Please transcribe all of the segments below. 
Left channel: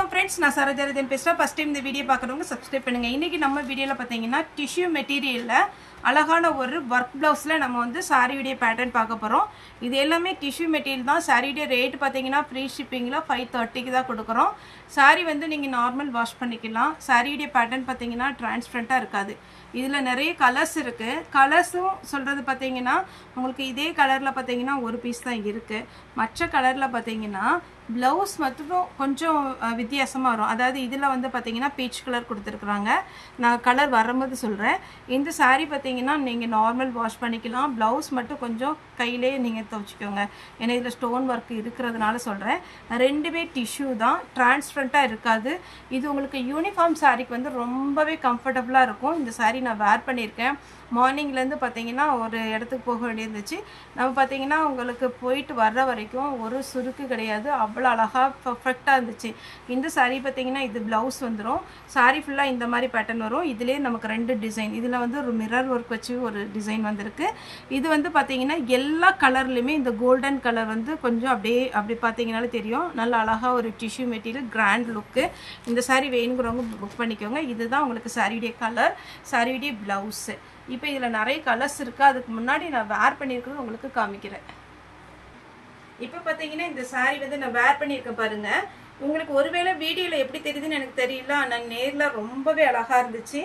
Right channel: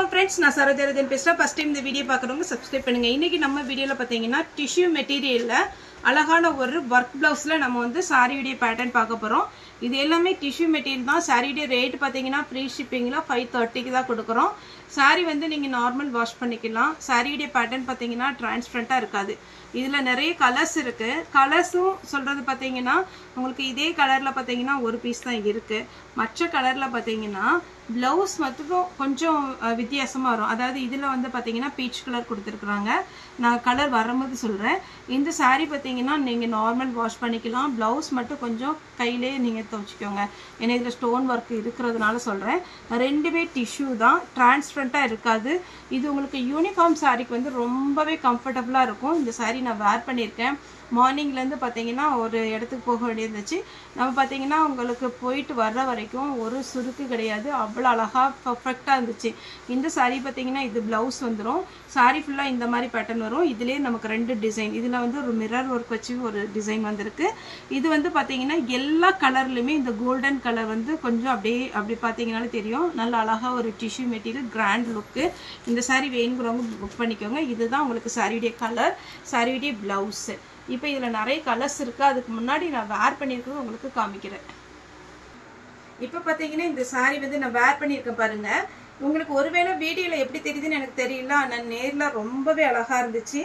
வணக்கம் फ्रेंड्स நான் சரோஜரதன் பேசுறேன் ஃபர்ஸ்ட் டைம் இந்த வீடியோ பார்க்கறவங்க சப்ஸ்கிரைப் பண்ணுங்க இன்னைக்கு நம்ம வீடியோல பாத்தீங்கன்னா டிஷ்யூ மெட்டீரியல்ல அழகான ஒரு வர்க் ப்ளவுஸ்ல நம்ம வந்து சாரியுடைய பேட்டர்ன் பார்க்க போறோம் இது எல்லாமே டிஷ்யூ மெட்டீரியல் தான் சாரியுடைய ரேட் பாத்தீங்கன்னா ஃப்ரீ ஷிப்பிங்ல 530 க்கு தான் கொடுக்கறோம் சாரி வந்து நீங்க நார்மல் வாஷ் பண்ணிக்கலாம் சாரியுடைய பேட்டர்ன் பாத்தீங்கன்னா டிரான்ஸ்பரண்டா இருக்காது இதுல நிறைய கலர்ஸ் இருக்கு கலர்ஸும் சொல்றது பாத்தீங்கன்னா உங்களுக்கு இதே கலர்ல பாத்தீங்கன்னா ஒரு பீஸ் தான் இருக்கு மற்ற கலர்ல பாத்தீங்கன்னா ब्लाउज மட்டும் கொஞ்சம் வித்தியாசமா வரும் அதாவது இதுல வந்து பாத்தீங்கன்னா பீச் கலர் கொடுத்திருக்காங்க நான் கலர் வரும்போது சொல்றேன் இந்த saree பாத்தீங்கன்னா நீங்க நார்மல் வாஷ் பண்ணிக்கலாம் ब्लाउज மட்டும் கொஞ்சம் கையிலே நீங்க துவைச்சுக்கோங்க ஏன்னா இதுல ஸ்டோன் வர்க் இருக்குறதுனால சொல்றேன் ரெண்டுமே டிஷ்யூ தான் டிரான்ஸ்பரண்டா இருக்காது இது உங்களுக்கு யூனிஃபார்ம் சாரிக்கு வந்து ரொம்பவே கம்ஃபர்ட்டபிளா இருக்கும் இந்த saree நான் வேர் பண்ணிருக்கேன் மார்னிங்ல இருந்து பாத்தீங்கன்னா ஒரு இடத்துக்கு போக வேண்டியிருந்துச்சு நம்ம பாத்தீங்கன்னா உங்களுக்கு போயிட்டு வர்ற வரைக்கும் ஒரு சுருக்கு கிடையாது அவ்வளவு அழகா பெர்ஃபெக்ட்டா இருந்துச்சு இந்த saree பாத்தீங்கன்னா இது ब्लाउज வந்துரும் saree ஃபுல்லா இந்த மாதிரி பேட்டர்ன் வரும் இதிலே நமக்கு ரெண்டு டிசைன் இதுல வந்து ஒரு மிரர் வர்க் வச்சு ஒரு டிசைன் வந்திருக்கு இது வந்து பாத்தீங்கன்னா எல்லா கலர்லயுமே இந்த கோல்டன் கலர் வந்து கொஞ்சம் அப்படியே பாத்தீங்கனாலே தெரியும் நல்ல அழகா ஒரு டிஷ்யூ மெட்டீரியல் கிராண்ட் லுக் இந்த saree வேணும்ங்கறவங்க புக் பண்ணிக்கோங்க இதுதான் உங்களுக்கு சாரியுடைய கலர் சாரியுடைய ब्लाउஸ் இப்போ இதுல நிறைய கலர்ஸ் இருக்கு அதுக்கு முன்னாடி நான் வேர் பண்ணிருக்கிறது உங்களுக்கு காமிக்கிறேன் இப்போ பாத்தீங்கன்னா இந்த saree வந்து நான் வேர் பண்ணிருக்கேன் பாருங்க உங்களுக்கு ஒருவேளை வீடியோல எப்படி தெரியுதுன்னு எனக்கு தெரியல ஆனா நேர்ல ரொம்பவே அழகா இருந்துச்சு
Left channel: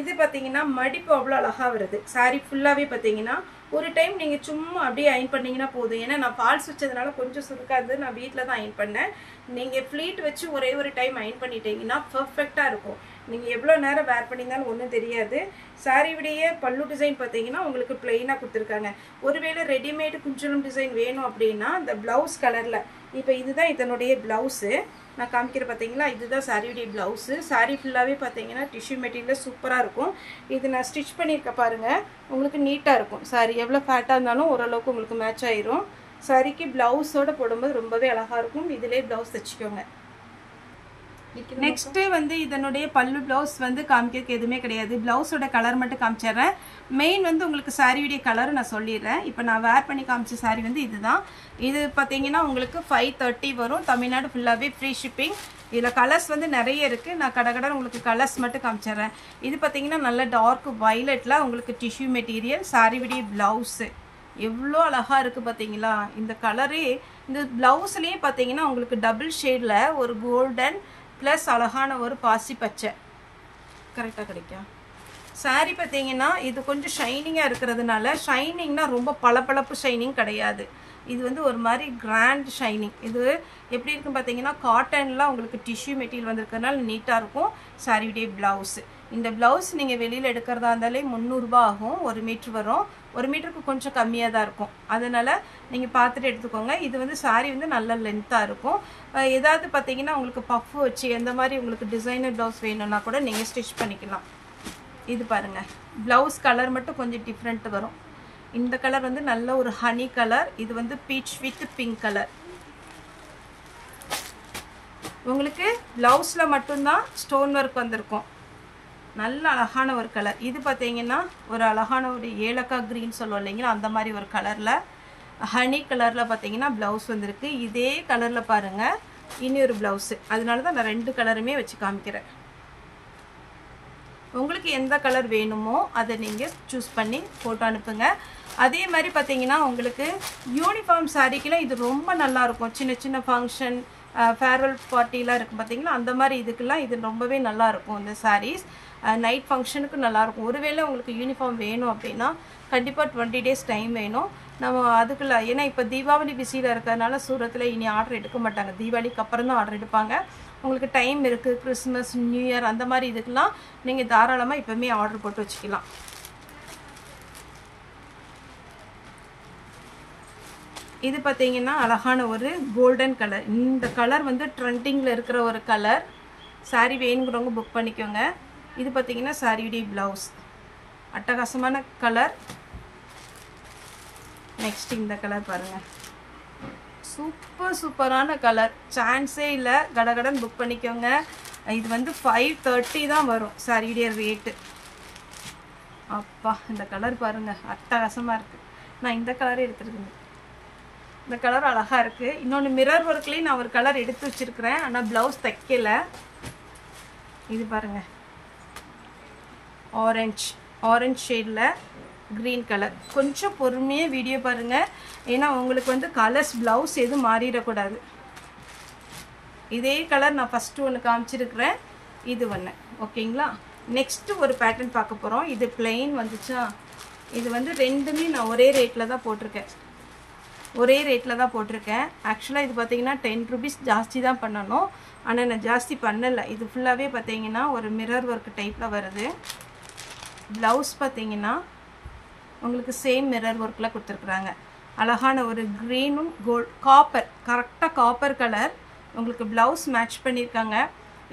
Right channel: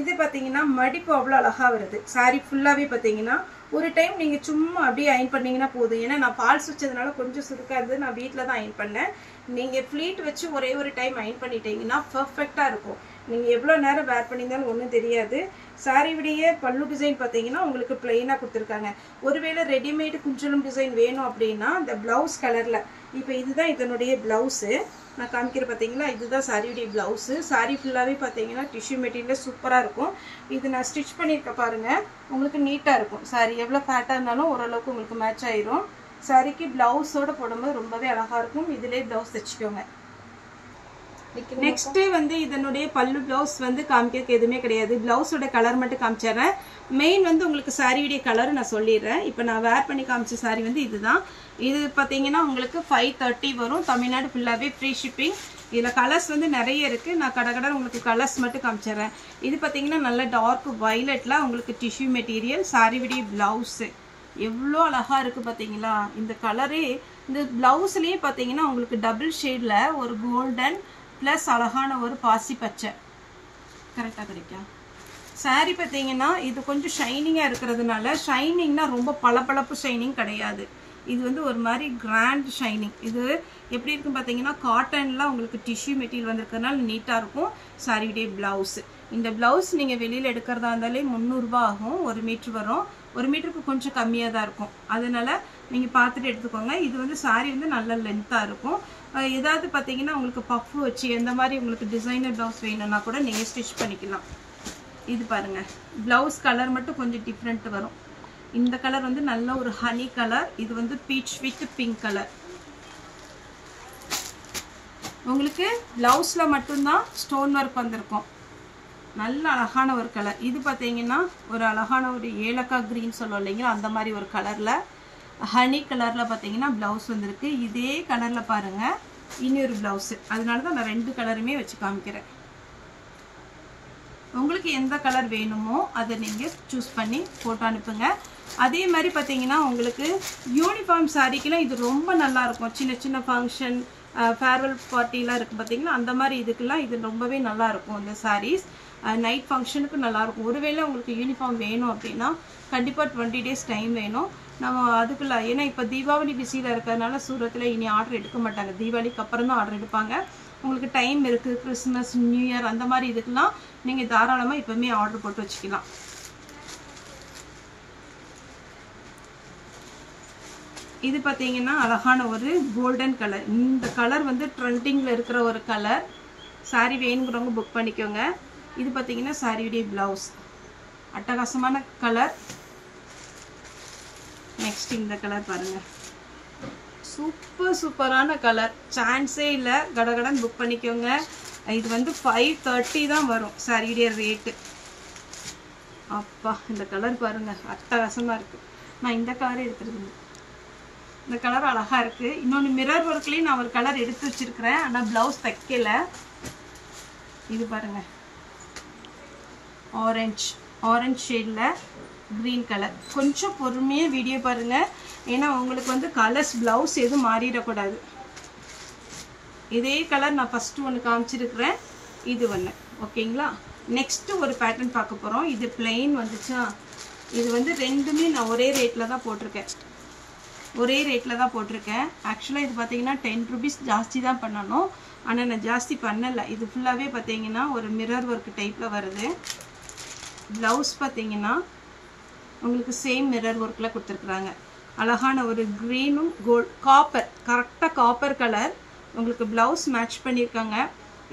இது பாத்தீங்கன்னா மடிப்பு அவ்வளவு அழகா வருது saree ஃபுல்லாவே பாத்தீங்கன்னா ஒரு டைம் நீங்க சும்மா அப்படியே அயன் பண்ணீங்கன்னா போதும் ஏன்னா நான் ஃபால்ஸ் வச்சதுனால கொஞ்சம் சுருக்கா இருந்தது நான் வீட்ல தான் அயன் பண்ணேன் நீங்க ஃப்ளீட் வச்சு ஒரே ஒரு டைம் அயன் பண்ணிட்டீங்கன்னா பெர்ஃபெக்ட்டா இருக்கும் நீங்க எவ்வளவு நேரம் வேர் பண்ணினாலும் ஒண்ணும் தெரியாது saree விடைய பல்லு டிசைன் பாத்தீங்கன்னா உங்களுக்கு ப்ளைனா கொடுத்திருக்காங்க ஒருவேளை ரெடிமேட் குஞ்சலம் டிசைன் வேணும் அப்படினா அந்த ब्लाउஸ் கலர்ல இப்போ இதுதான் இதனுடைய ब्लाउஸ் நான் காமிக்கிற பாத்தீங்களா இதுதான் சாரியுடைய ब्लाउஸ் saree ஃபுல்லாவே பாத்தீங்கன்னா டிஷ்யூ மெட்டீரியல் சூப்பரா இருக்கும் இது நான் ஸ்டிட்ச் பண்ணிருக்க பாருங்க உங்களுக்கு நீட்டா இருக்கும் saree எவ்வளவு ஃபேட்டா இருந்தாலும் ஓரளவுக்கு உங்களுக்கு மேட்ச் ஆயிரும் சாரிக்கு ब्लाउஸோட போடும்போது ரொம்பவே அழகா இருக்கும் இதிலே ब्लाउஸ் தச்சுக்கோங்க நெக்ஸ்ட் வந்து இதனுடைய பல்லு ब्लाउஸ் வந்து காமிக்கிறதுக்கு எதுமே கிடையாது ब्लाउஸோட கலர் மட்டும் காமிச்சறேன் மெயின் வந்து உங்களுக்கு சாரியுடைய கலர் நான் சொல்லிறேன் இப்போ நான் வேர் பண்ணி காமிச்ச saree வந்து இதுதான் இது பாத்தீங்கன்னா உங்களுக்கு 530 வரும் தமிழ்நாடு ஃபுல்லாவே ஃப்ரீ ஷிப்பிங் இதுல கலர்ஸ் வந்து நிறைய இருக்கு நான் கடகட உங்களுக்கு கலர்ஸ் மட்டும் காமிச்சறேன் இது பாத்தீங்கன்னா நல்ல டார்க் வயலட்ல உங்களுக்கு டிஷ்யூ மெட்டீரியல் சாரியுடைய ब्लाउஸ் எவ்வளவு அழகா இருக்கு பாத்தீங்களா இந்த கலரே இந்த ब्लाउஸ்லயே பாத்தீங்கன்னா உங்களுக்கு டபுள் ஷேட்ல ஒரு கோல்டன் प्लस அழகான ஒரு பாசி பச்சை கரெக்ட்டா கிடைக்கும் saree பாத்தீங்கன்னா இது கொஞ்சம் ஷைனிங்கா இருக்குறதுனால ஷைனிங்னா ரொம்ப பளபளப்பு ஷைனிங் கிடையாது இது வந்து ஒரு மாதிரி கிராண்ட் ஷைனிங் இது எப்படி இருக்கு பாத்தீங்கன்னா காட்டன்ல உங்களுக்கு டிஷ்யூ மெட்டீரியல் வந்திருக்கிறதுனால நீட்டா இருக்கும் சாரியுடைய ब्लाउஸ் இந்த ब्लाउஸ் நீங்க வெளியில எடுக்கறதா இருந்தாலே 300 ரூபாய் ஆகும் 1 மீட்டர் வரும் 1 மீட்டருக்கு கொஞ்சம் கம்மியா தான் இருக்கும் அதனால நீங்க பார்த்துட்டு எடுத்துக்கோங்க இது வந்து saree வந்து நல்ல லெந்தா இருக்கும் ஏதாவது பாத்தீங்கன்னா உங்களுக்கு பஃப் வச்சு எந்த மாதிரி உங்களுக்கு டிசைனர் ब्लाउஸ் வேணும்னா கூட நீங்க ஸ்டிட்ச் பண்ணிக்கலாம் இது பாருங்க ब्लाउஸ் கலர் மட்டும் கொஞ்சம் டிஃபரண்ட் வரும் இந்த கலர் வந்து நல்ல ஒரு ஹனி கலர் இது வந்து பீச் வித் பிங்க் கலர் உங்களுக்கு ब्लाउஸ்ல மட்டும் தான் ஸ்டோன் வர்க் வந்திருக்கும் நல்ல அழகான ஒரு கலர் இது பாத்தீங்கன்னா ஒரு அழகான ஒரு ஏலக்காய் கிரீன் சொல்லுவோம் இல்லைங்களா அந்த மாதிரி ஒரு கலர்ல ஹனி கலர்ல பாத்தீங்கன்னா ब्लाउஸ் வந்திருக்கு இதே கலர்ல பாருங்க இன்னொரு ब्लाउஸ் அதனால தான் நான் ரெண்டு கலருமே வச்சு காமிக்கிறேன் உங்களுக்கு எந்த கலர் வேணுமோ அதை நீங்க चूஸ் பண்ணி போட்டோ அனுப்புங்க அதே மாதிரி பாத்தீங்கன்னா உங்களுக்கு யூனிஃபார்ம் சாரிக்குலாம் இது ரொம்ப நல்லா இருக்கும் சின்ன சின்ன ஃபங்க்ஷன் ஃபேர்வெல் பார்ட்டிலாம் இருக்கு பாத்தீங்களா அந்த மாதிரி இதுக்கெல்லாம் இது ரொம்பவே நல்லா இருக்கும் இந்த sarees நைட் ஃபங்க்ஷனுக்கு நல்லா இருக்கும் ஒருவேளை உங்களுக்கு யூனிஃபார்ம் வேணும் அப்படினா கண்டிப்பா 20 டேஸ் டைம் வேணும் நம்ம அதுக்குள்ள ஏனா இப்ப தீபாவளி பிஸில இருக்கறனால சூரத்ல இனி ஆர்டர் எடுக்க மாட்டாங்க தீபாவளிக்கு அப்புறம் தான் ஆர்டர் எடுப்பாங்க உங்களுக்கு டைம் இருக்கு கிறிஸ்மஸ் நியூ இயர் அந்த மாதிரி இதுக்கெல்லாம் நீங்க தாராளமா இப்பவே ஆர்டர் போட்டு வச்சுக்கலாம் இது பாத்தீங்கன்னா அழகான ஒரு கோல்டன் கலர் இந்த கலர் வந்து ட்ரெண்டிங்ல இருக்கிற ஒரு கலர் saree வேணும்ங்கறவங்க புக் பண்ணிக்கோங்க இது பாத்தீங்கன்னா சாரியுடைய ब्लाउஸ் அட்டகாசமான கலர் நெக்ஸ்ட் இந்த கலர் பாருங்க சூப்பரான கலர் சான்ஸே இல்ல கடகடன் புக் பண்ணிக்கோங்க இது வந்து 530 தான் வரும் சாரியுடைய ரேட் அப்பா இந்த கலர் பாருங்க அட்டகாசமா இருக்கு நான் இந்த கலரே எடுத்துட்டேன் இந்த கலர் அழகாக இருக்குது. இன்னொன்று மிரர் ஒர்க்லேயும் நான் ஒரு கலர் எடுத்து வச்சுருக்கிறேன், ஆனால் ப்ளவுஸ் தைக்கல. இது பாருங்கள், ஆரஞ்ச் ஷேடில் க்ரீன் கலர். கொஞ்சம் பொறுமையாக வீடியோ பாருங்கள், ஏன்னா உங்களுக்கு வந்து கலர்ஸ் ப்ளவுஸ் எதுவும் மாறிடக்கூடாது. இதே கலர் நான் ஃபஸ்ட்டு ஒன்று காமிச்சிருக்கிறேன், இது ஒன்று. ஓகேங்களா? நெக்ஸ்ட்டு ஒரு பேட்டர்ன் பார்க்க போகிறோம். இது பிளெயின் வந்துச்சா, இது வந்து ரெண்டுமே நான் ஒரே ரேட்டில் தான் போட்டிருக்கேன். ஆக்சுவலாக இது பார்த்தீங்கன்னா 10 rupees ஜாஸ்தி தான் பண்ணணும், ஆனால் நான் ஜாஸ்தி பண்ணலை. இது ஃபுல்லாகவே பார்த்தீங்கன்னா ஒரு மிரர் ஒர்க் டைப்பில் வருது. ப்ளவுஸ் பார்த்தீங்கன்னா உங்களுக்கு சேம் மிரர் ஒர்க்கில் கொடுத்துருக்குறாங்க. அழகான ஒரு க்ரீனும் காப்பர், கரெக்டாக காப்பர் கலர் உங்களுக்கு ப்ளவுஸ் மேட்ச் பண்ணியிருக்காங்க.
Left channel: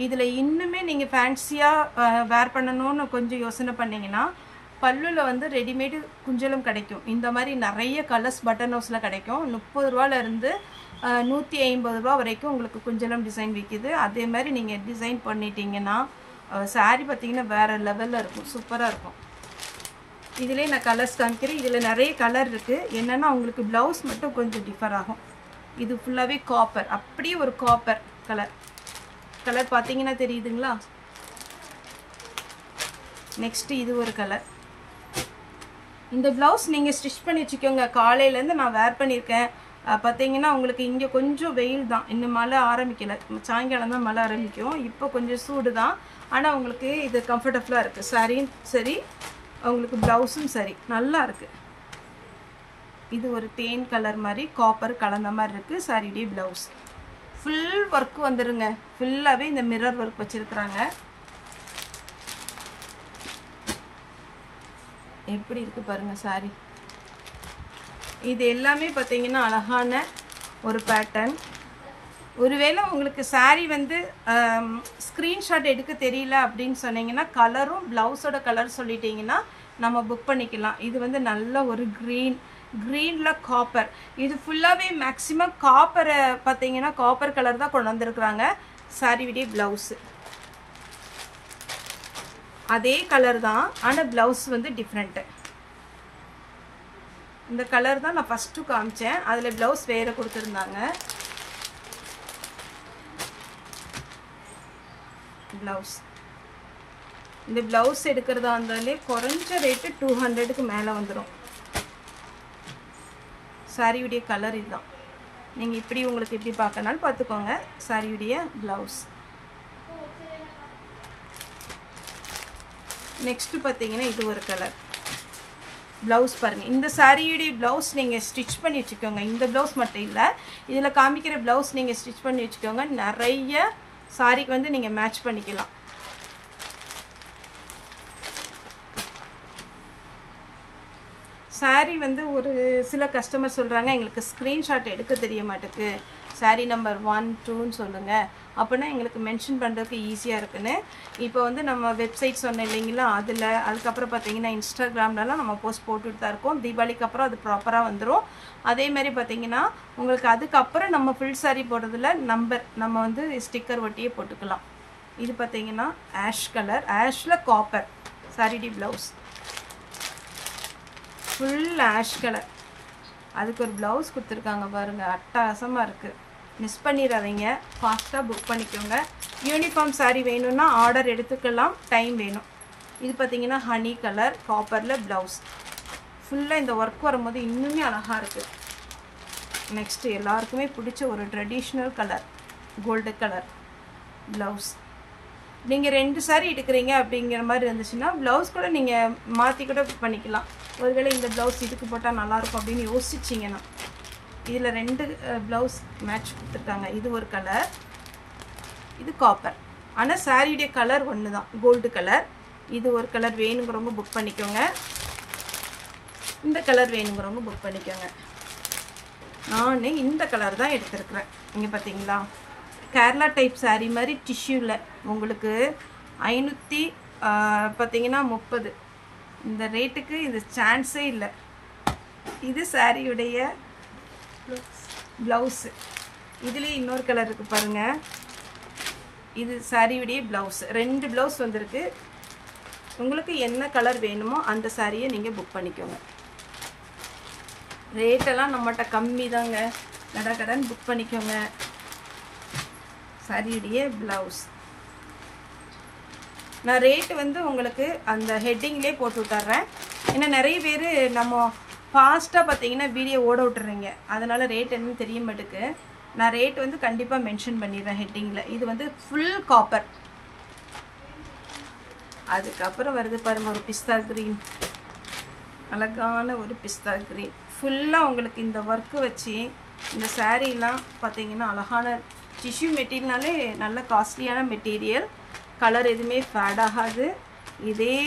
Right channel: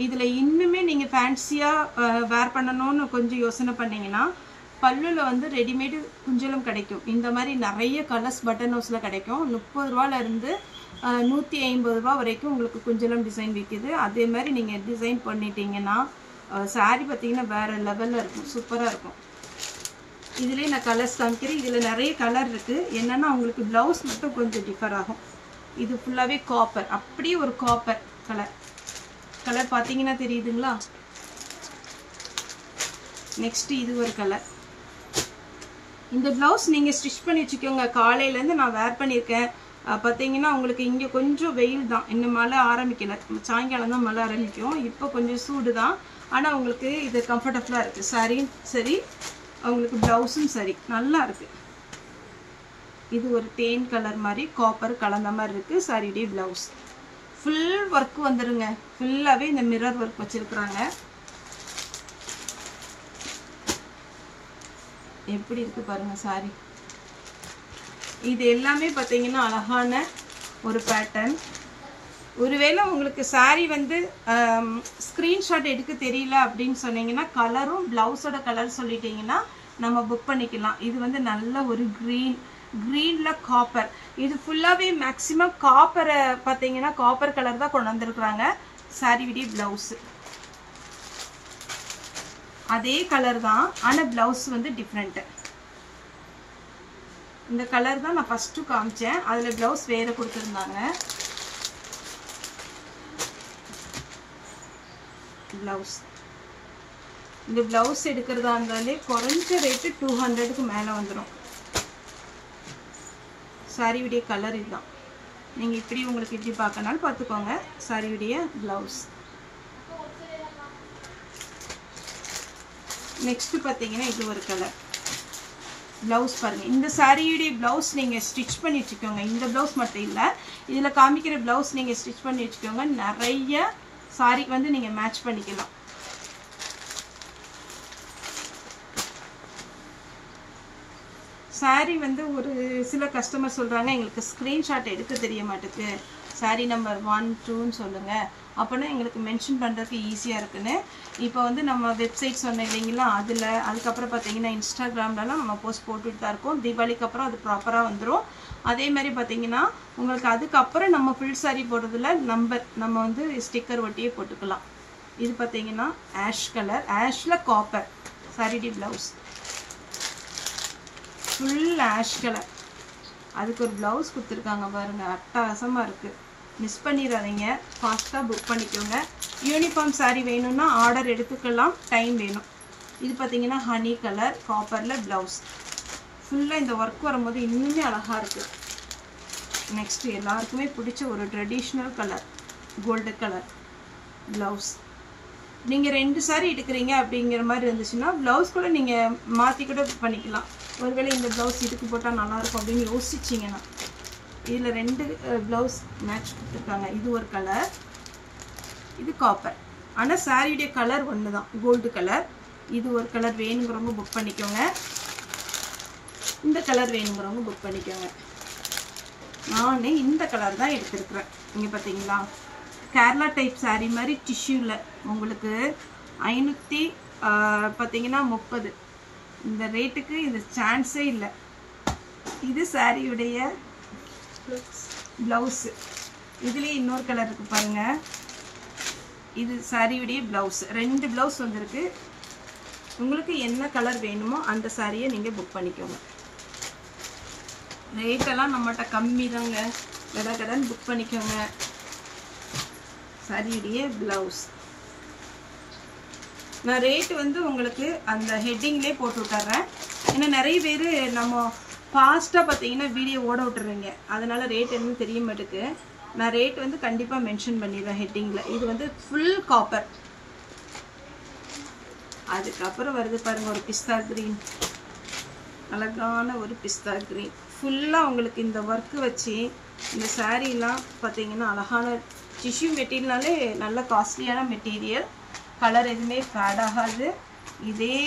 இதில் இன்னுமே நீங்கள் ஃபேன்சியாக வேர் பண்ணணும்னு கொஞ்சம் யோசனை பண்ணிங்கன்னா பல்லுவில் வந்து ரெடிமேடு குஞ்சலும் கிடைக்கும். இந்த மாதிரி நிறைய கலர்ஸ் பட்டன் ஹவுஸில் கிடைக்கும். 30 ரூபாலேருந்து 150 ரூபா வரைக்கும் உங்களுக்கு குஞ்சலம் டிசைன் விற்கிது. அதே மாதிரி நீங்கள் டிசைன் பண்ணிட்டீங்கன்னா சாரீ பார்த்தீங்கன்னா வேறு லெவலில் இருக்கும், சூப்பராக இருக்கும். இதிலே நான் கலர்ஸ் காமிக்கிறேன். இதில் நிறைய கலர் இருக்குது. என்னென்னா உங்களுக்கு ப்ளவுஸ் மட்டும் கொஞ்சம் டிஃபர் ஆகும். இது ஃபுல்லாகவே காப்பர், அப்படியே ஒரு காப்பர் கலர் பார்த்தீங்கன்னா தெரியுதுங்களா? நெக்ஸ்ட்டு இது ஒரு கலர். இந்த ப்ளவுஸ் நீங்கள் ஸ்டிச் பண்ணி வச்சுக்கோங்க. காலையிலேருந்து நான் வேர் பண்ணியிருக்கேன். பார்த்தீங்கன்னா உங்களுக்கு இங்கே கொஞ்சம் வெயில் தான், இன்னும் மழை ஆரம்பிக்கலை. சாயங்காலம் தான் மழை ஆரம்பிக்கும். இப்போ கொஞ்சம் சூடு தான், ஆனால் உங்களுக்கு இது கம்ஃபர்டபுளாக இருக்குது. சாரியும் சரி, உங்களுக்கு ப்ளவுஸும் சரி, நல்லா இருக்குது. இது ஒரு தேன் கலர் மாதிரி காப்பர் கலந்த மாதிரி இருக்குது சாரியுடைய ப்ளவுஸ். ஃபுல் ஒர்க் வந்துடுங்க. ஃபுல்லாகவே இந்த மிரர் ஒர்க் வச்சுருக்குறாங்க. எப்படி இருக்குது பாருங்கள் சாரி. இது எல்லாமே பார்த்தீங்கன்னா அழகான ஒரு பேட்டர்ன். ஒருவேளை உங்களுக்கு சாரி வந்து ஸ்க்ரீன்ஷாட் எடுக்க தெரியல அப்படின்னு சொன்னீங்கன்னா கலரும் ப்ளவுஸோட கலர் சொல்லிட்டீங்கன்னா நம்ம புக் பண்ணிக்கலாம். இது வந்து நல்ல ஒரு க்ரீனில் காப்பர். இது ஃபுல்லாகவே மேக்ஸிமம் காப்பரை பார்த்தீங்கன்னா காப்பர் கலர் தான் கொண்டு வந்திருக்குறாங்க. சாரியுடைய ப்ளவுஸு அதே கலர் தான், ஆனால் ப்ளவுஸ் வந்து டிஃப்ரெண்ட்டு. இந்த கலர் தான் நான் ஃபஸ்ட்டு காமிச்சேன், அதில் ப்ளவுஸ் வேறு கொடுத்துருந்தாங்க. ப்ளவுஸ் இந்த ப்ளவுஸ் எடுக்கிறதா இருந்தாலே குறைஞ்ச ரேட்டு 200க்கு மேலே வந்துடும். சாரியுடைய கலர் இதுதான். நீங்கள் இப்படி உங்களுக்கு எப்படி பார்க்கனாலும் பார்த்துக்கோங்க. சாரியுடைய ப்ளவுஸ். நெக்ஸ்ட்டு பார்த்தீங்கன்னா இது ஒரு கலர் ப்ளவுஸ் பாருங்கள். இந்த சாரியுடைய ப்ளவுஸ் நீங்கள் ஸ்டிச் பண்ணி வச்சுக்கோங்க. இந்த ப்ளவுஸ் மட்டும் இல்லை, இதில் காமிக்கிற ப்ளவுஸ் நீங்கள் ஸ்டிச் பண்ணி வச்சுக்கோங்க. நிறைய சாரிக்கு வந்து நீங்கள் மேட்ச் பண்ணிக்கலாம். சாரி வந்து ஒரு சில கஸ்டமர் சொல்கிறாங்க எங்களுக்கு ஸ்க்ரீன்ஷாட் எடுக்க தெரிய மாட்டேங்குது, சாரி நம்பர் 1, 2ன்னு சொல்லுங்கள், அப்போனா எங்களுக்கு மென்ஷன் பண்ணுறதுக்கு ஈஸியாக இருக்குன்னு. இப்போ வந்து நம்ம வெப்சைட் சொன்னோம் இல்லைங்களா, அதுக்கப்புறம் பார்த்தீங்கன்னா இன்ஸ்டாகிராம்லலாம் நம்ம போஸ்ட் போட்டுட்டு தான் இருக்கோம். தீபாவளிக்கு அப்புறம் அது ப்ராப்பராக வந்துடும். அதே மாதிரி பார்த்தீங்கன்னா உங்களுக்கு அதுக்கப்புறம் நம்ம ஃபுல் சாரி போடுறதுல நம்ம வந்து ஸ்டிக்கர் ஒட்டியே போட்டுக்கலாம். இது பார்த்தீங்கன்னா ஆஷ் கலர், ஆஷில் காப்பர் சாரிடி ப்ளவுஸ், ஃபுல் ஆஷ் கலர். அதுக்கு ஒரு ப்ளவுஸ் கொடுத்துருக்காங்க பாருங்கள், அட்டகாசமாக இருக்குது. மிஸ் பண்ணிடாதீங்க, ஃபாஸ்ட்டாக புக் பண்ணிக்கோங்க. யூனிஃபார்ம் சாரீ வேணும்னா ஆர்டர் எடுத்துக்கலாம், டைம் வேணும். இது பார்த்தீங்கன்னா ஹனி கலர் காப்பரில் ப்ளவுஸ். ஃபுல்லாக இந்த ஒர்க் வரும்போது இன்னுமே அழகாக இருக்குது. நெக்ஸ்ட்டு எல்லாருக்குமே பிடிச்ச ஒரு traditional colour gold colour blouse. நீங்கள் 2 சாரீ எடுக்கிறீங்க அப்படிங்கிற மாதிரி இருந்துச்சுன்னா ப்ளவுஸ் கூட நீங்கள் மாற்றி கூட பண்ணிக்கலாம். ஒருவேளை இந்த ப்ளவுஸ் இதுக்கு போட்டால் நல்லாயிருக்கும் அப்படின்னு யோசிச்சிங்கன்னா இதில் 2 ப்ளவுஸ் மேட்ச் கொடுத்துருக்காங்க. இது ஒரு கலர், இது காப்பர். ஆனால் சாரியுடைய கலர் ஒன்று தான், கோல்டு கலர். இது ஒரு கலர் வேணுங்கிறவங்க புக் பண்ணிக்கோங்க. இந்த கலர் வேணுங்கிறவங்க புக் பண்ணிக்கோங்க. நானே இந்த கலர் தான் எடுத்துருக்குறேன். இங்கே பார்த்தீங்களா, கேரளா டைப் சாரீ மாதிரி டிஷ்யூவில் உங்களுக்கு 500 பார்த்தீங்கன்னா 30. இந்த ரேட்டுக்கு இது சான்ஸே இல்லை. இது சாரியுடைய ப்ளவுஸு. இதுலேயே இன்னொரு கலர் இருக்குது பாருங்கள், இது சாரியுடைய ப்ளவுஸ். 2 ப்ளவுஸ் வந்திருக்கு. உங்களுக்கு என்ன கலர் வேணுமோ அந்த சாரியை நீங்கள் புக் பண்ணிக்கோங்க. ரேட்டெல்லாம் நம்மகிட்ட கம்மி தாங்க. கடன் புக் பண்ணிக்கோங்க. சாரியுடைய ப்ளவுஸ் நான் ரேட்டு வந்து உங்களுக்கு அந்த ஹெட்டிங்லேயே போட்டு விட்டுறேன். ஏன்னா நிறைய பேர் நம்ம ஃபாஸ்ட்டாக பார்த்தீங்கன்னா வீடியோ ஓட விட்டுறீங்க, அதனால் ரேட் எதுவும் தெரிய மாட்டேக்கு. நான் ரேட் வந்து கண்டிப்பாக மென்ஷன் பண்ணிடுறேன் ஹெட்டிங்கில். இது வந்து ஃபுல் காப்பர். அதுக்கப்புறம் வருது பாருங்கள் ஒரு பிஸ்தா க்ரீன், அழகான ஒரு பிஸ்தா க்ரீன். ஃபுல்லாக உங்களுக்கு இந்த ஒர்க்கு வச்சு இந்த சாரீலாம் பார்த்தீங்கன்னா அழகான டிஷ்யூ மெட்டீரியல்னாலே நல்ல காஸ்ட்லியான மெட்டீரியல். கலர் எதுவுமே ஃபேட் ஆகாது. இதே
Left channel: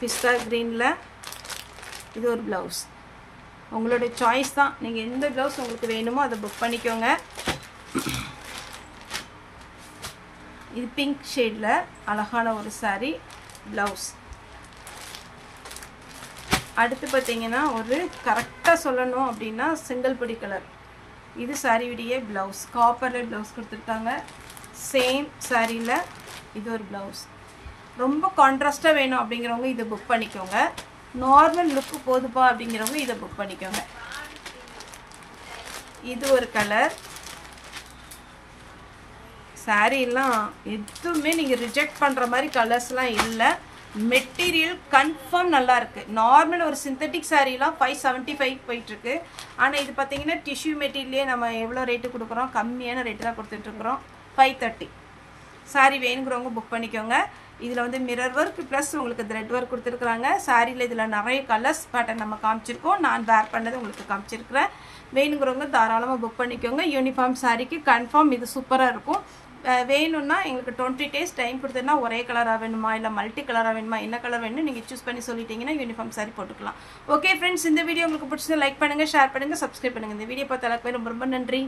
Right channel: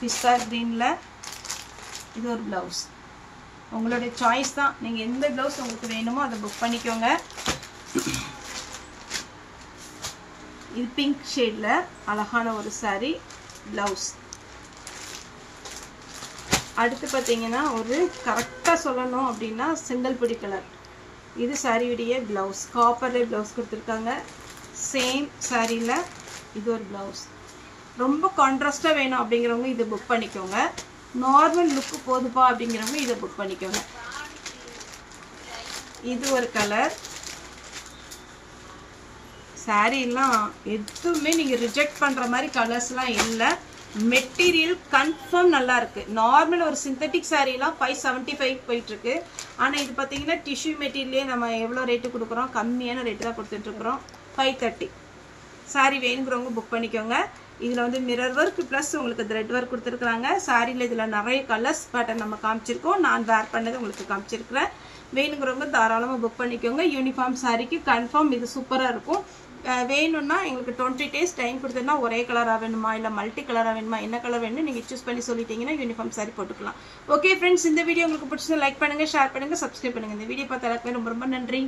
பிஸ்தா க்ரீனில் இது ஒரு ப்ளவுஸ். உங்களுடைய சாய்ஸ் தான், நீங்கள் எந்த ப்ளவுஸ் உங்களுக்கு வேணுமோ அதை புக் பண்ணிக்கோங்க. இது பிங்க் ஷேடில் அழகான ஒரு சாரீ ப்ளவுஸ். அடுத்து பார்த்தீங்கன்னா ஒரு கரெக்டாக சொல்லணும் அப்படின்னா செங்கல்படி கலர். இது சாரியுடைய ப்ளவுஸ். காப்பரில் ப்ளவுஸ் கொடுத்துருக்காங்க. சேம் சாரியில் இது ஒரு ப்ளவுஸ். ரொம்ப கான்ட்ராஸ்டாக வேணும் அப்படிங்கிறவங்க இதை புக் பண்ணிக்கோங்க. நார்மல் லுக்கு போதுப்பா அப்படிங்கிறவங்க இதை புக் பண்ணிக்கோங்க. இது ஒரு கலர். சாரீலாம் எதுவுமே நீங்கள் ரிஜெக்ட் பண்ணுற மாதிரி கலர்ஸ்லாம் இல்லை. மெட்டீரியல் கன்ஃபார்ம் நல்லா இருக்கு. நார்மல் ஒரு சிந்தட்டிக் சாரீலாம் 575 போயிட்டு இருக்கு. ஆனால் இது பார்த்தீங்கன்னா டிஷ்யூ மெட்டீரியலே நம்ம எவ்வளோ ரேட்டு கொடுக்குறோம், கம்மியான ரேட்டு தான் கொடுத்துட்டு இருக்கிறோம். 530. சாரீ வேணுங்கிறவங்க புக் பண்ணிக்கோங்க. இதில் வந்து மிரர் ஒர்க் ப்ளஸ் உங்களுக்கு த்ரெட் ஒர்க் கொடுத்துருக்குறாங்க. சாரியில் இதில் நிறைய கலர்ஸ் பேட்டர்ன் நம்ம காமிச்சிருக்கோம். நான் வேர் பண்ணது உங்களுக்கு காமிச்சிருக்கிறேன். வேணுங்கிறவங்க தாராளமாக புக் பண்ணிக்கோங்க. யூனிஃபார்ம் சாரிக்கு கன்ஃபார்ம் இது சூப்பராக இருக்கும். வேணும்னா எங்களுக்கு 20 days டைம் கொடுத்தோன்னா ஒரே கலராக வேணுமா இல்லை மல்டி கலராக வேணுமா, என்ன கலர் வேணும் நீங்கள் சூஸ் பண்ணி சொல்லிட்டீங்கன்னா யூனிஃபார்ம் சாரி போட்டுக்கலாம். ஓகே ஃப்ரெண்ட்ஸ், இந்த வீடியோ உங்களுக்கு பிடிச்சதை லைக் பண்ணுங்கள், ஷேர் பண்ணுங்கள், சப்ஸ்கிரைப் பண்ணுங்கள். இந்த வீடியோ பார்த்த எல்லாருக்குமே ரொம்ப ரொம்ப நன்றி.